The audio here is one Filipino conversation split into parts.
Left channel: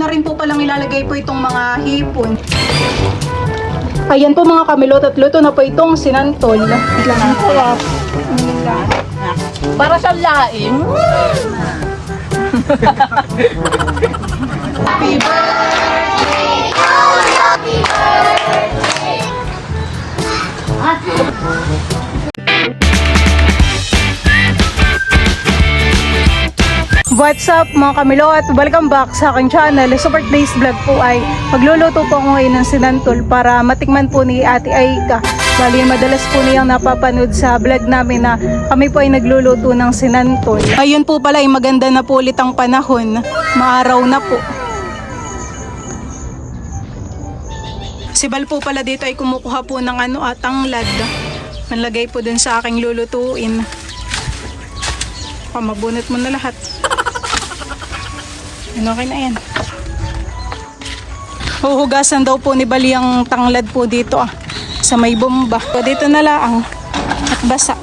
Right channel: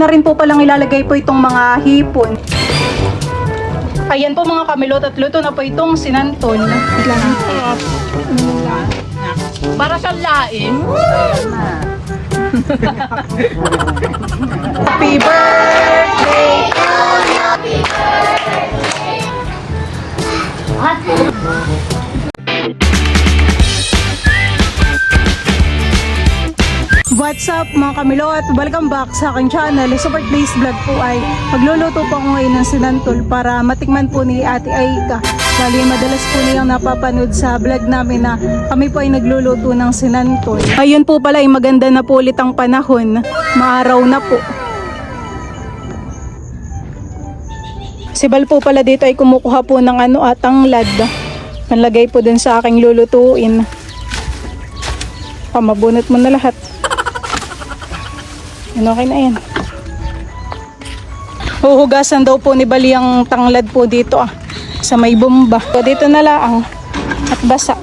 na rin po palang ilalagay po itong mga hipon. Ayan po mga kamilot at luto na po itong sinantol. Para sa laing. Happy birthday to you. Happy birthday. What's up mga kamilo at welcome back sa aking channel. Sa birthday's vlog po ay magluluto po ako ngayon ng sinantol para matikman po ni Ate Aika. Bali madalas po niyang napapanood sa vlog namin na kami po ay nagluluto ng sinantol. Ayun po pala ay maganda na po ulit ang panahon. Maaraw na po. Si Bal po pala dito ay kumukuha po ng tanglad. Panlagay po dun sa aking lulutuin. Mabunot mo na lahat. Okay na yan. Huhugasan daw po ni Bali ang tanglad po dito sa may bomba. So, dito na lang at basa.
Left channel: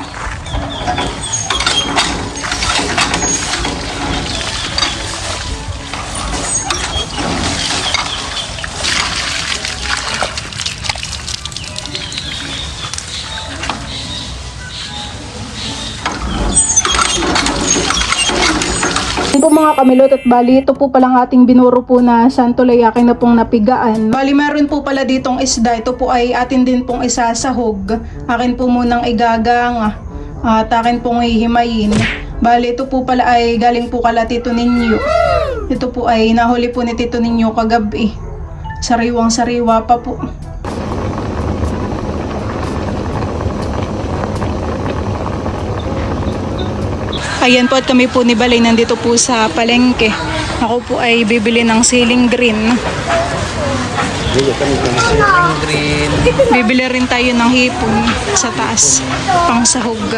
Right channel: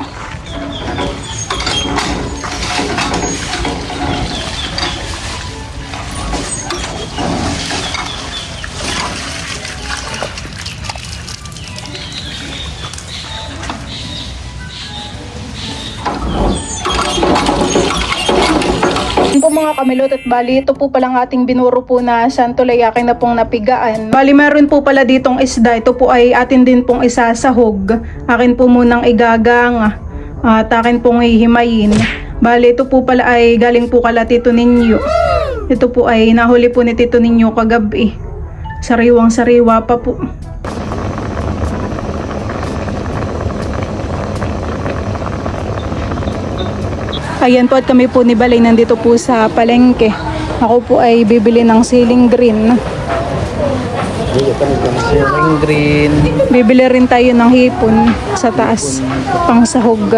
Kamilot at bali, ito po palang ating binuro po na santol ay akin na pong napigaan. Bali, meron po pala ditong isda. Ito po ay atin din pong isasahog. Akin po munang igagang at akin pong ihimayin. Bali, ito po pala ay galing po kala Tito Ninyo. Ito po ay nahuli po ni Tito Ninyo kagabi. Sariwang sariwa pa po. Ayan po at kami po ni Balay nandito po sa palengke. Ako po ay bibili ng siling green. Bibili rin tayo ng hipon sa taas. Pang sahog.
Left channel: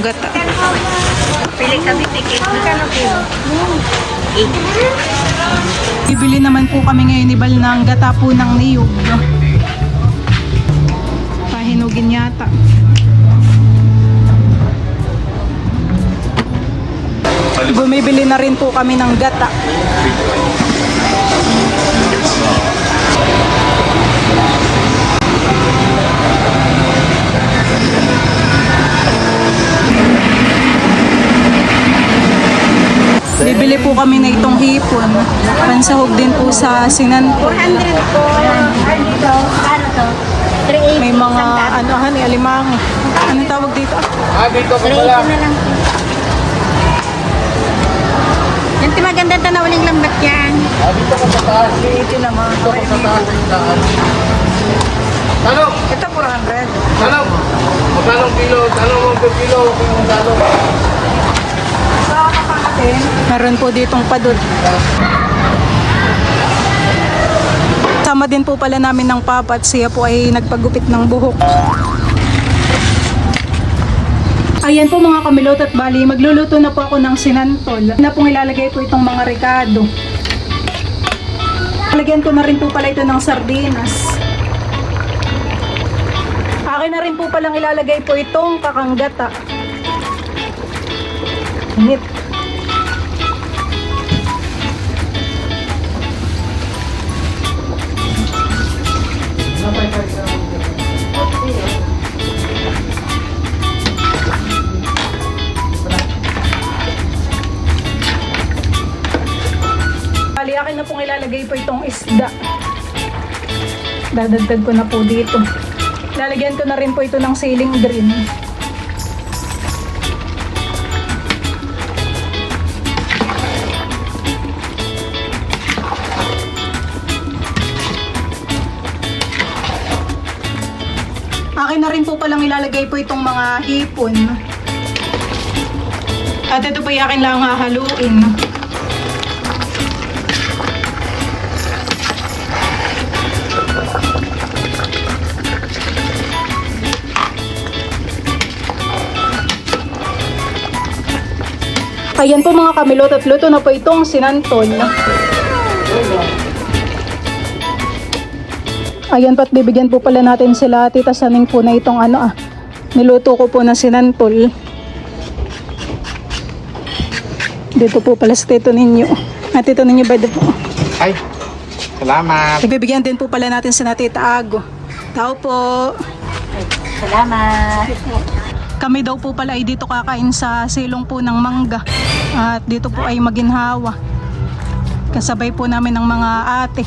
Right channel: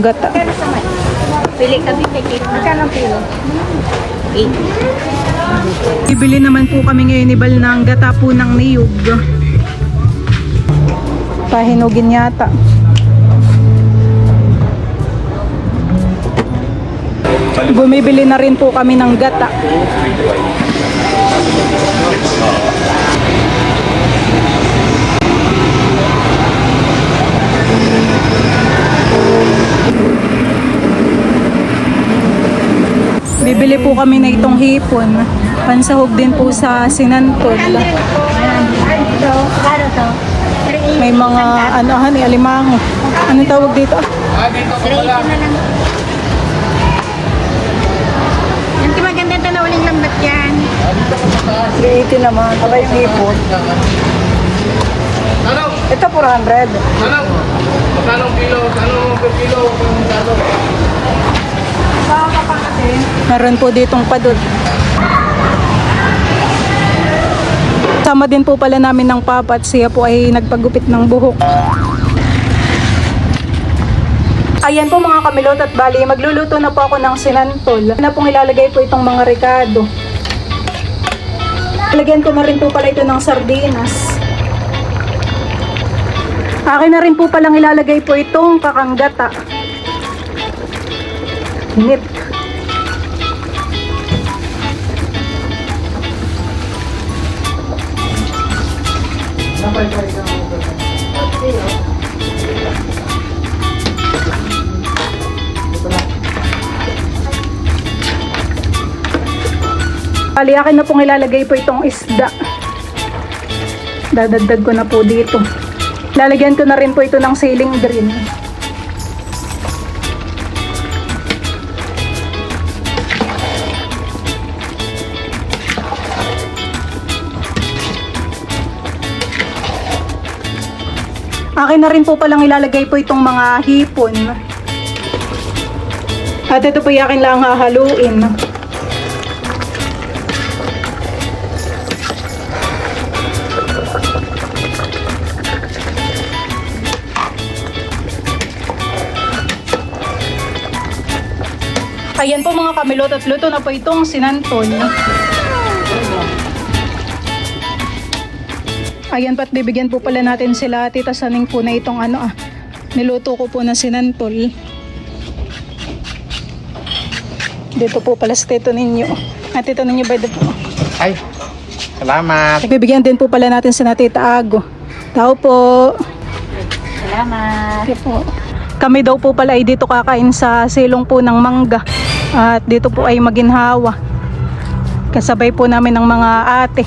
Gata. Pili kami ticket na. Bibili naman po kami ngayon ni Bal ng gata po ng niyog. Pahinugin yata. Bumibili na rin po kami ng gata. Bibili po kami na itong hipon. Pansahog din po sa sinantol. May mga alimango. Anong tawag dito? Dito ko lang. Maganda na waling lambat yan. Dito ko sa dito naman. Ano? Ito 400. Ano? Magkano kilo? Ano ang per kilo? Sa kapangatin, meron po ditong padul. Sama din po pala namin ng papa at siya po ay nagpagupit ng buhok. Ayan po mga kamilot at bali, magluluto na po ako ng sinantol. Na pong ilalagay po itong mga rekado. Lagyan ko na rin po pala ito ng sardinas. Akin na rin po palang ilalagay po itong kakanggata. Init. Bali, akin na pong ilalagay po itong isda. Dadagdag ko na po dito. Lalagyan ko na rin po ito ng siling green. Akin na rin po palang ilalagay po itong mga hipon. At ito po yung akin lang hahaluin. Ayan po mga kamilot at luto na po itong sinantol. Ayan po at bibigyan po pala natin sila Tita Saning po na itong niluto ko po na sinantol. Dito po pala sa tito ninyo. At tito ninyo ba dito? Ay, salamat. Ibibigyan din po pala natin sa Tita Ago. Tao po. Salamat. Okay po. Kami daw po pala ay dito kakain sa silong po ng mangga. At dito po ay maginhawa. Kasabay po namin ng mga ate.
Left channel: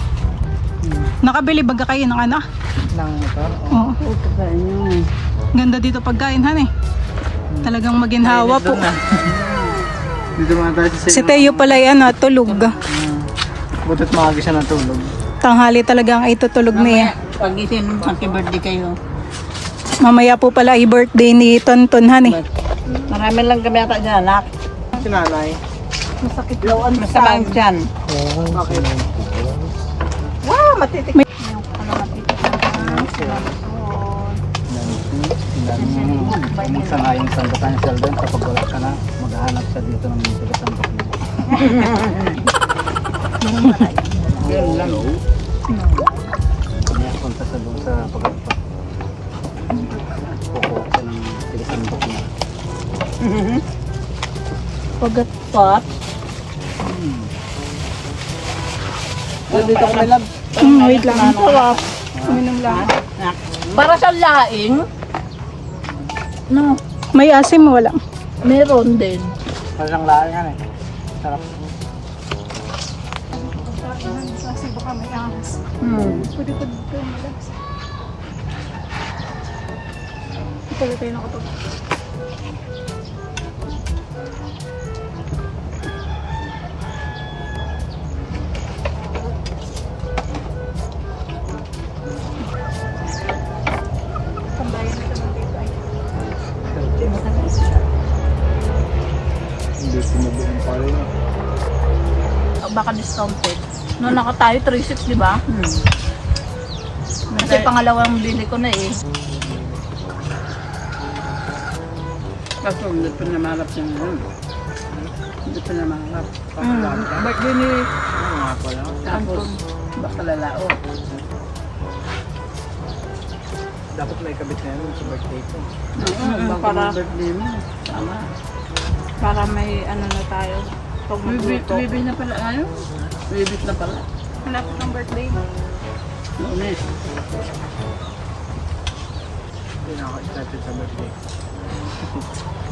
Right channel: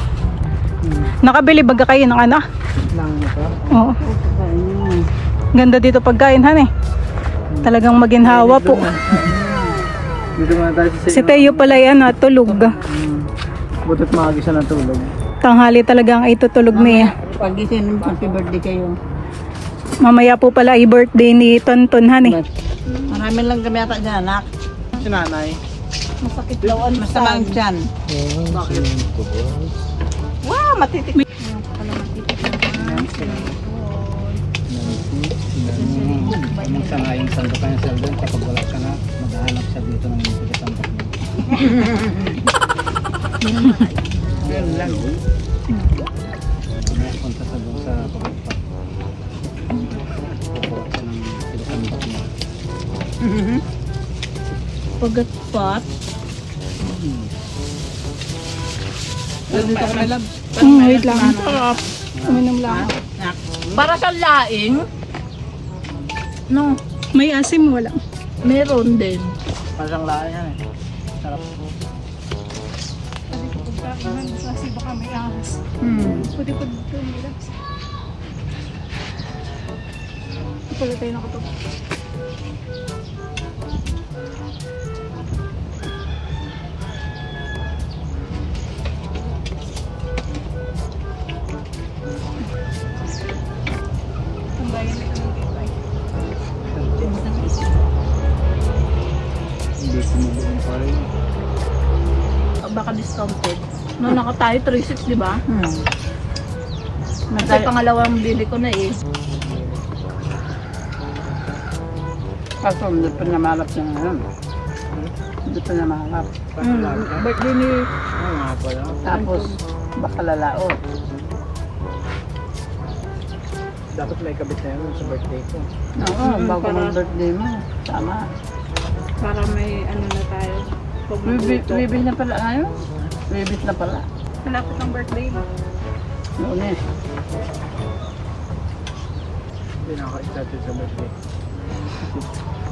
Nakabili baga kayo ng ano? Nang ito. Oo. Ganda dito pagkain, han eh. Talagang maginhawa po. Dito nga tayo sa Si Teo pala yan, tulog. Butot maaga siya ng tulog. Tanghali talagang ay tutulog niya. Pag-isin, happy birthday kayo. Mamaya po pala ay birthday ni Tonton, han eh. Marami lang kami ata dyan, anak. Si nanay. Masakit daw ang Masama ang tiyan. Bakit? Wow, matitik. Kumusta nga yung sandukan ni Sheldon kapag wala ka na, maghahanap siya dito ng mga sandok niya. Yun lang. May punta sa doon sa pagkakot. Kukuha siya ng sinasandok niya. Pagat-pat. Dito kami lab. Wait lang. Sarap. Uminom lang. Para sa laing, no, May asim, wala. meron din. Parang laan yan eh. Sarap. Kasi baka may ahas. Pwede ko dito malas. Pala tayo nakatulog. Tambayan na naman dito ay. Hindi sumubuong pa rin. Baka discounted. Noon ako tayo, 3.6, di ba? Kasi pangalawang bili ko na eh. Kaso hindi pa namalap yung ano. Hindi pa namalap. Birthday ni... Oo nga pala. Tapos baka lalao. Dapat may kabit na yan sa birthday ko. Oo, bago para- ang birthday mo. Tama. Para may ano na tayo. Pag Bibig na pala ano? Bibig na pala. Malapit ng birthday mo. Noon eh. Hindi na ako excited sa birthday.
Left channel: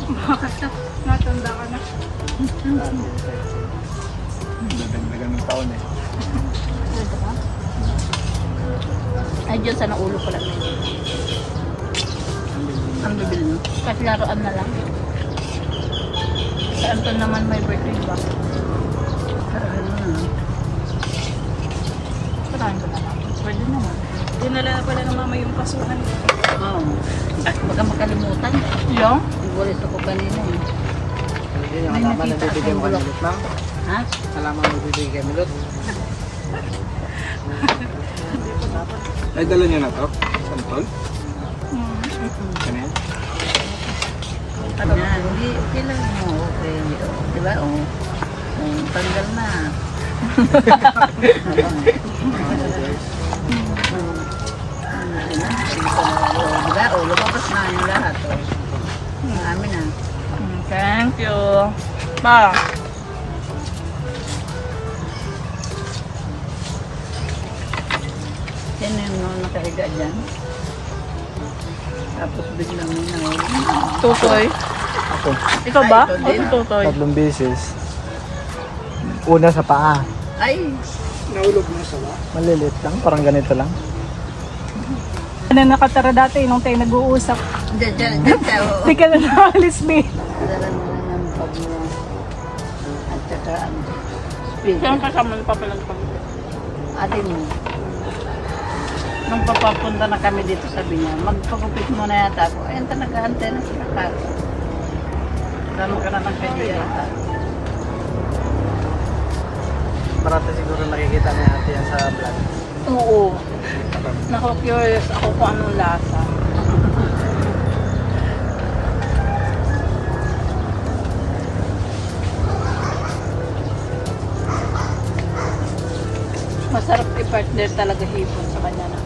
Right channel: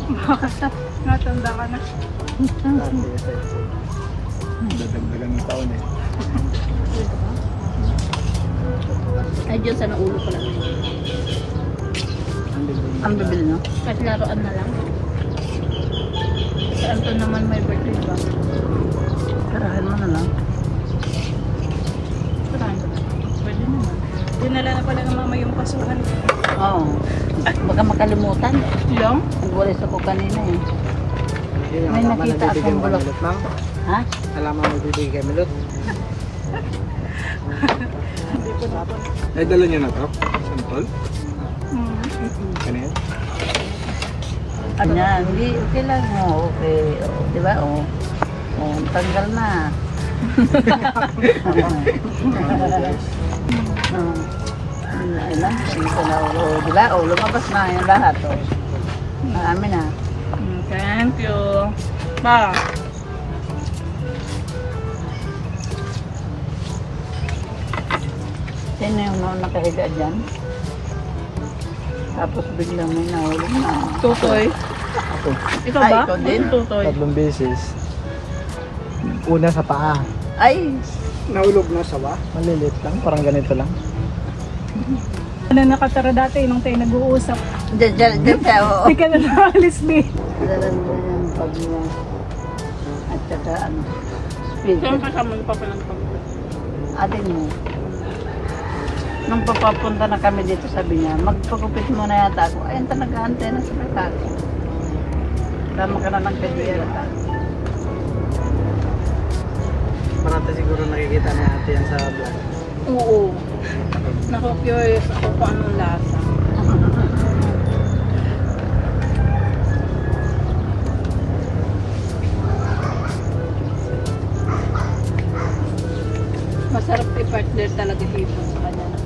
Bakit? Natanda ka na. Hindi excited. Magandang ng taon eh. Ay, dyan sa naulo ko lang. Ang bibil no? Kasi laruan na lang. Kasi Anton naman may birthday ba? Parang ano no? Parang naman. Pwede naman. Dinala na pala ng mama yung pasuhan. Oo. Baka makalimutan. Yung? Nagwalis ako kanina eh. Hindi yung May halaman nakita nagbibigay akong mo kay bulok. Milot, ma'am. Ha? Halaman nagbibigay kay Milot. Ay, dala niyo na to? Santol? Ano yan? Kanya, hindi, okay lang. Oo, okay. Di ba? Oo. Tanggal na. Di ba? O, lumabas na yung lahat. O. Marami na. Thank you. Ma. Sino yung nakahiga dyan? Tapos biglang may nahulog na. Tutoy. Ikaw ba? Ay, ikaw din. O tutoy? Tatlong beses. Una sa paa. Ay! Naulog na sa ba? Maliliit lang, parang ganito lang. Ano nakatara dati nung tayo nag-uusap. Diyan siya. Oo. Hindi ka na nakalis, babe. Dala mo na yung pag niya. At saka ang speaker. Saan kasama ni Papa ng pag Atin mo. Nung papapunta na kami dito, sabi niya, magpagupit mo na yata ako. Ayun, nag-aantay na sa kakaki. Tama ka na lang kay Diya. Parati siguro nakikita ni ate yan sa vlog. Oo. Naka-curious ako kung anong lasa. Masarap i-partner talaga hipon sa kanya na.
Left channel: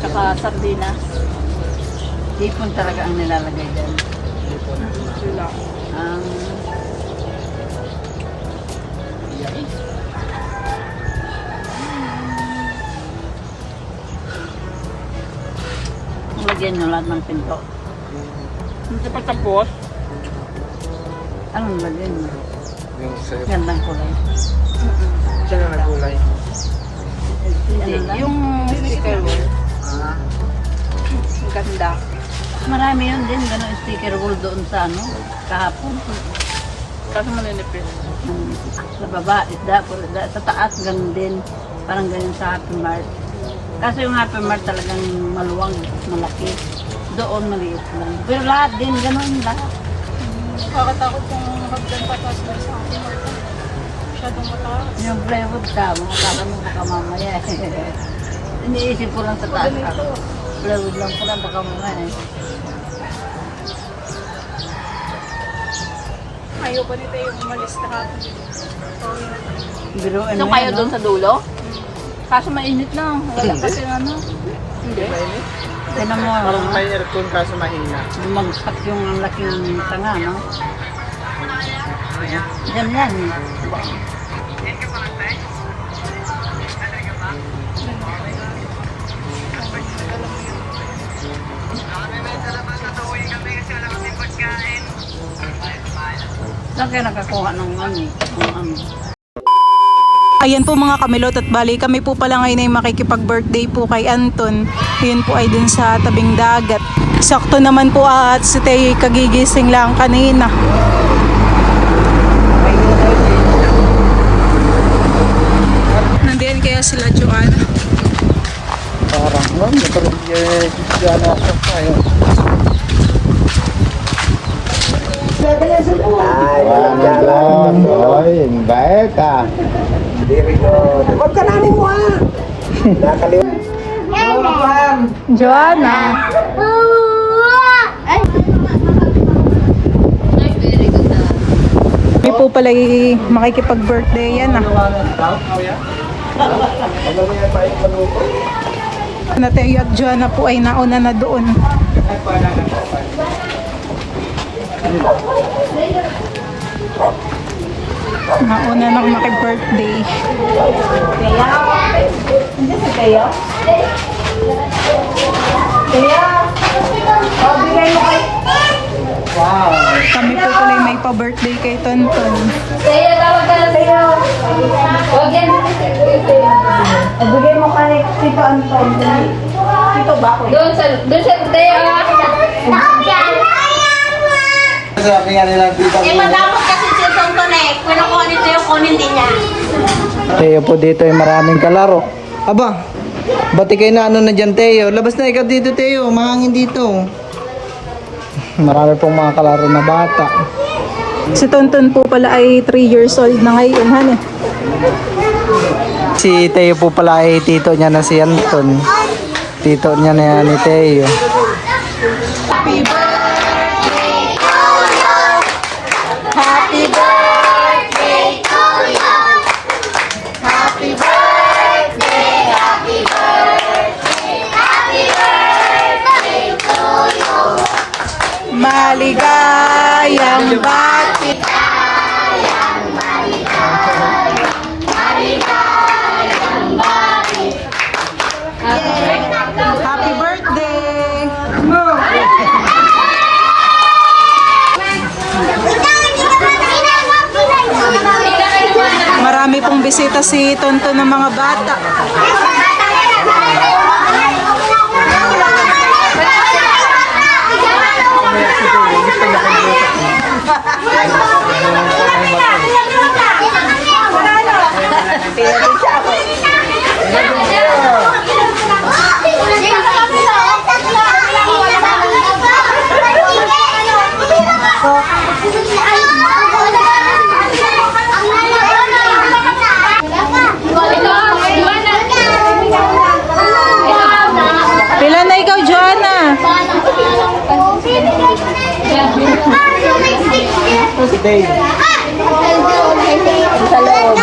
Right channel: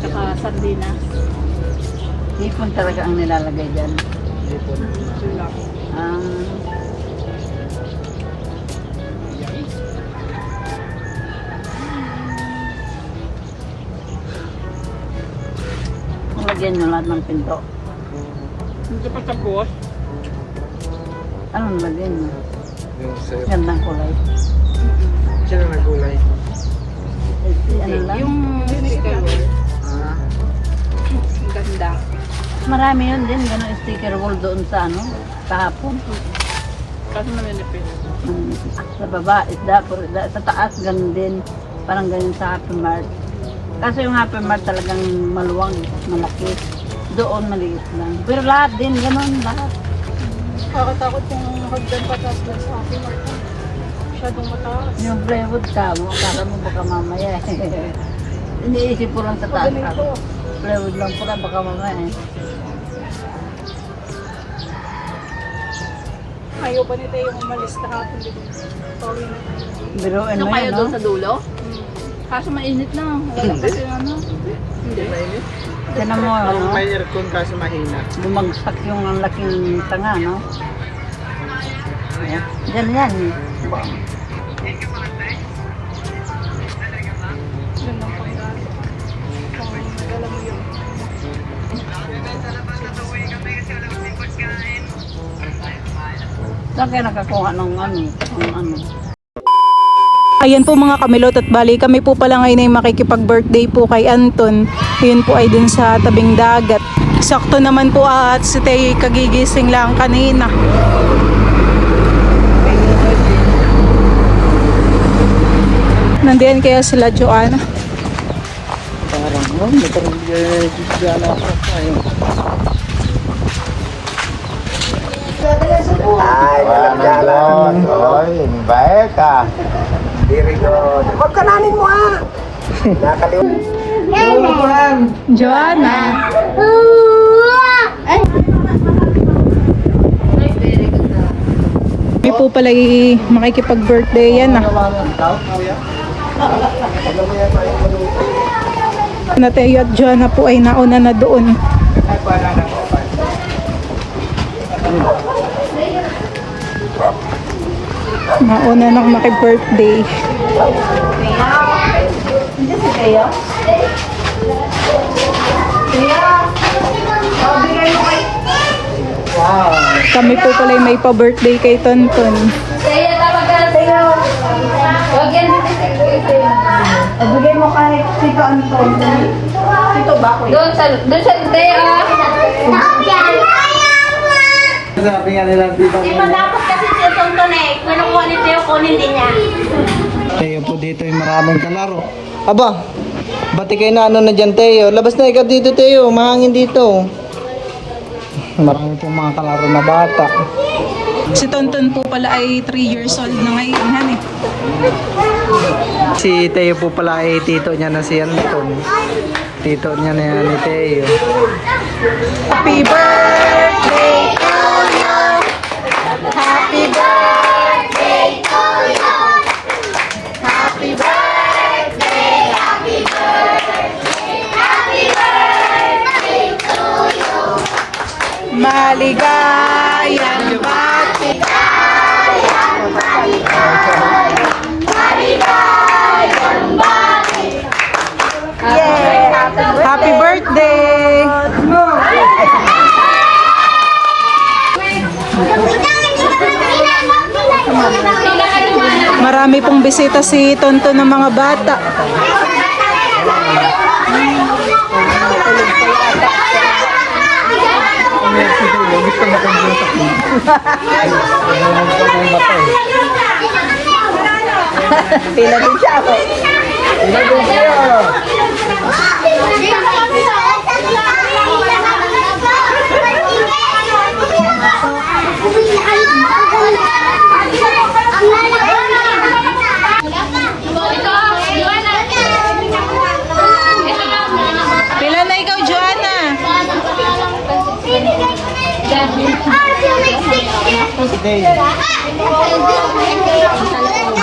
Tsaka sardina. Hipon talaga ang nilalagay dyan. Hindi po na Ang lagyan nyo lahat ng pinto. Hindi pa tapos. Anong lagyan nyo? yung sir. Gandang kulay. Siya na nagulay. Ano lang? Yung sticker wall. Ah, Ang ganda. Marami yun din, gano'ng sticker wall doon sa ano, kahapon. Kaso maninipis. Sa baba, isda, puro isda. Sa taas, ganun din. Parang ganyan sa Happy Mart. Kaso yung Happy Mart talagang maluwang, malaki. Doon maliit lang. Pero lahat din, ganun, lahat. Nakakatakot yung hagdan patas na sa akin. Masyadong mataas. Yung plywood ka mo, akala mo baka mamaya iniisip ko lang sa taas ka. Plywood lang pala, baka mamaya Ayaw pa nito yung umalis na hapon dito. Sorry na tayo. Biruin Ano mo kayo yan, no? doon sa dulo? Kaso mainit lang. Wala kasi ano. hindi mainit. Tinan mo, Parang ano? may aircon kaso mahina. Bumagsak yung ang laking tanga, no? Ayan. Diyan yan. Ba- Gandang pangyaari. Kung nag-alam mo yun. Saan kayo nakakuha ng ano? Ng ano? Ayan po mga kamilot at bali kami po pala ngayon ay makikipag-birthday po kay Anton. Yun po ay dun sa tabing dagat. Sakto naman po at si Tay kagigising lang kanina. Nandiyan kaya sila Joanna. Parang, ano ako tayo. Oy, baik ah. Joanna. Hindi po pala makikipag-birthday yan ah. Natay at Joanna po ay nauna na doon. Nauna nang makipag-birthday. Kami po pala may pa-birthday kay Tonton. Kaya tawag ka sa'yo. Huwag yan. Ibigay mo kay Tito Anton. Tito ba ko? Doon sa kaya. Sabi nga nilang kita Eh, malapot kasi si Tonton eh. Kung nakuha ni Teo, kunin din niya. Teo po dito ay maraming kalaro. Aba, bati kayo na ano na dyan Teo. Labas na ikaw dito Teo, mahangin dito. Marami pong mga kalaro na bata. Si Tonton po pala ay 3 years old na ngayon, han eh. Si Teo po pala ay tito niya na si Anton. Tito niya na yan ni Teo. Happy birthday to you. Happy birthday to you. Happy birthday, happy birthday, happy birthday to you. Maligayang bati. Happy birthday! Marami pong bisita si Tonton ng mga bata. Pila na ikaw, Joanna? Sa loob.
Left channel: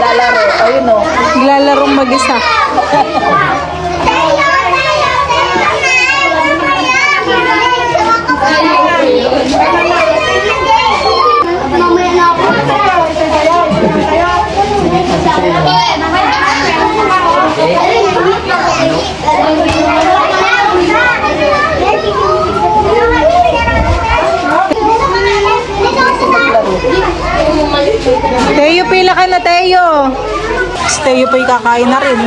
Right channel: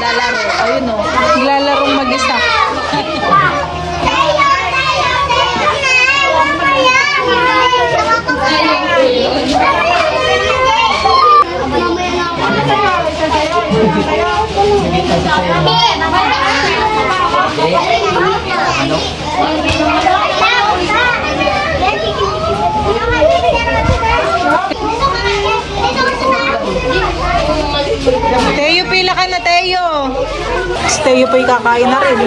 Lalaro. Ayun o. Naglalaro mag-isa. Teo po'y kakain na rin.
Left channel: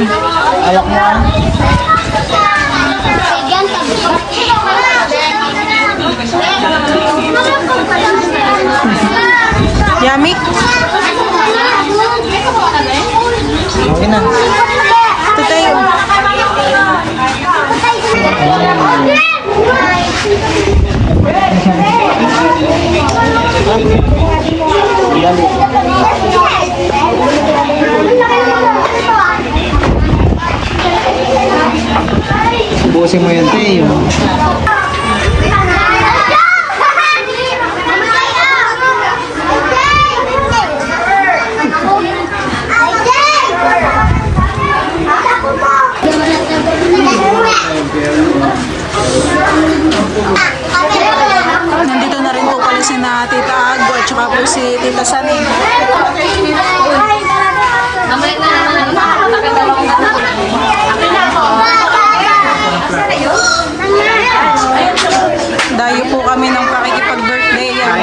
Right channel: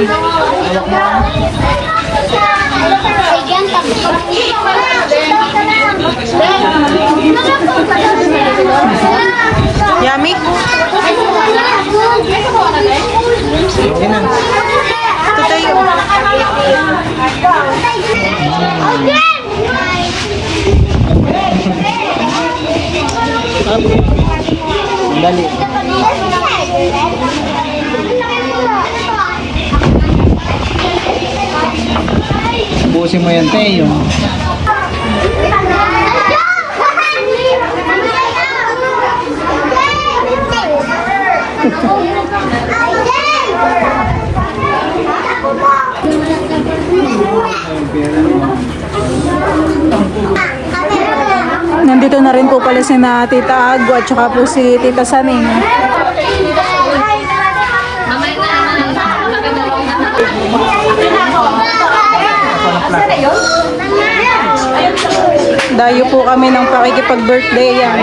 Yummy? Ito Teo. Dali. Busin mo yan, Teo. Nandito na rin po pala si na Tita Ago at saka po si Tita Saning. Dayo po kami ng pakikipag-birthday yan.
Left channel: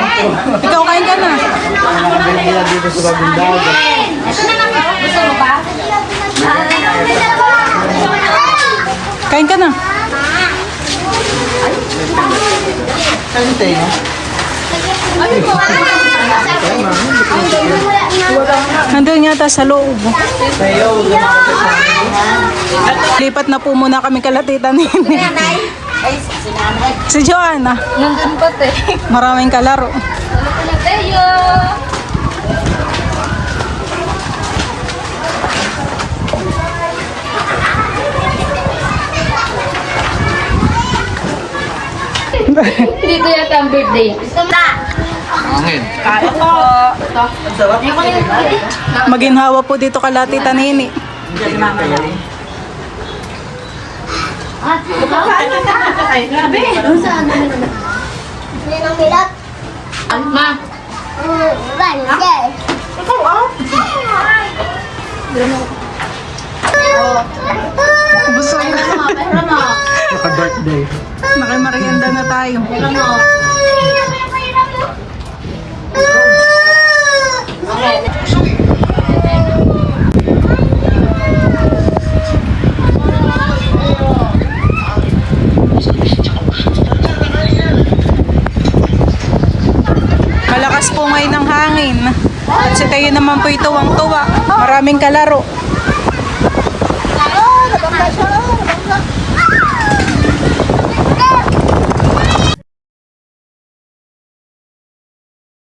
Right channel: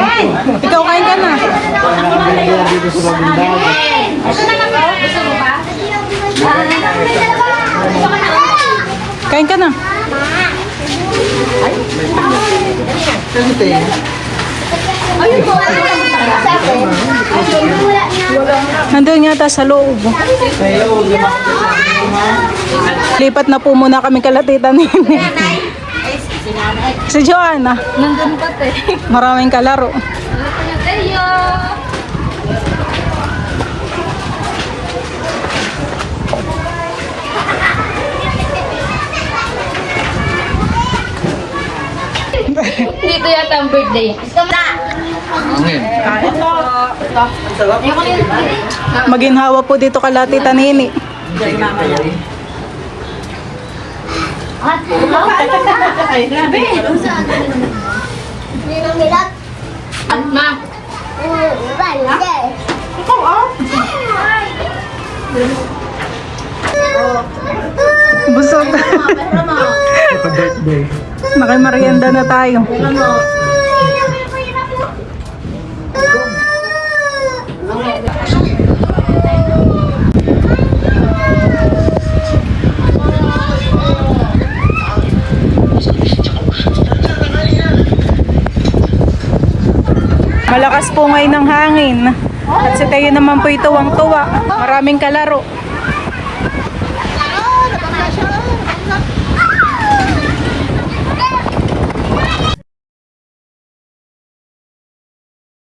Ikaw kain ka na. Nakabili yan dito sa bagong dagat. Kain ka na. Ano, Teo? Nandun yata sa loob. Teo, Lipat na po muna kami kalatitan ni si Joanna. Nandun pa te. Maraming kalaro. Tayo! Dito yata ang birthday. Maginhawa po dito kalatitan Nini. Ma! Busog. birthday. Nakimarienda na tayo. Malakas po ngayon ng hangin. At si Tayo naman po tuwang-tuwa. Maraming kalaro.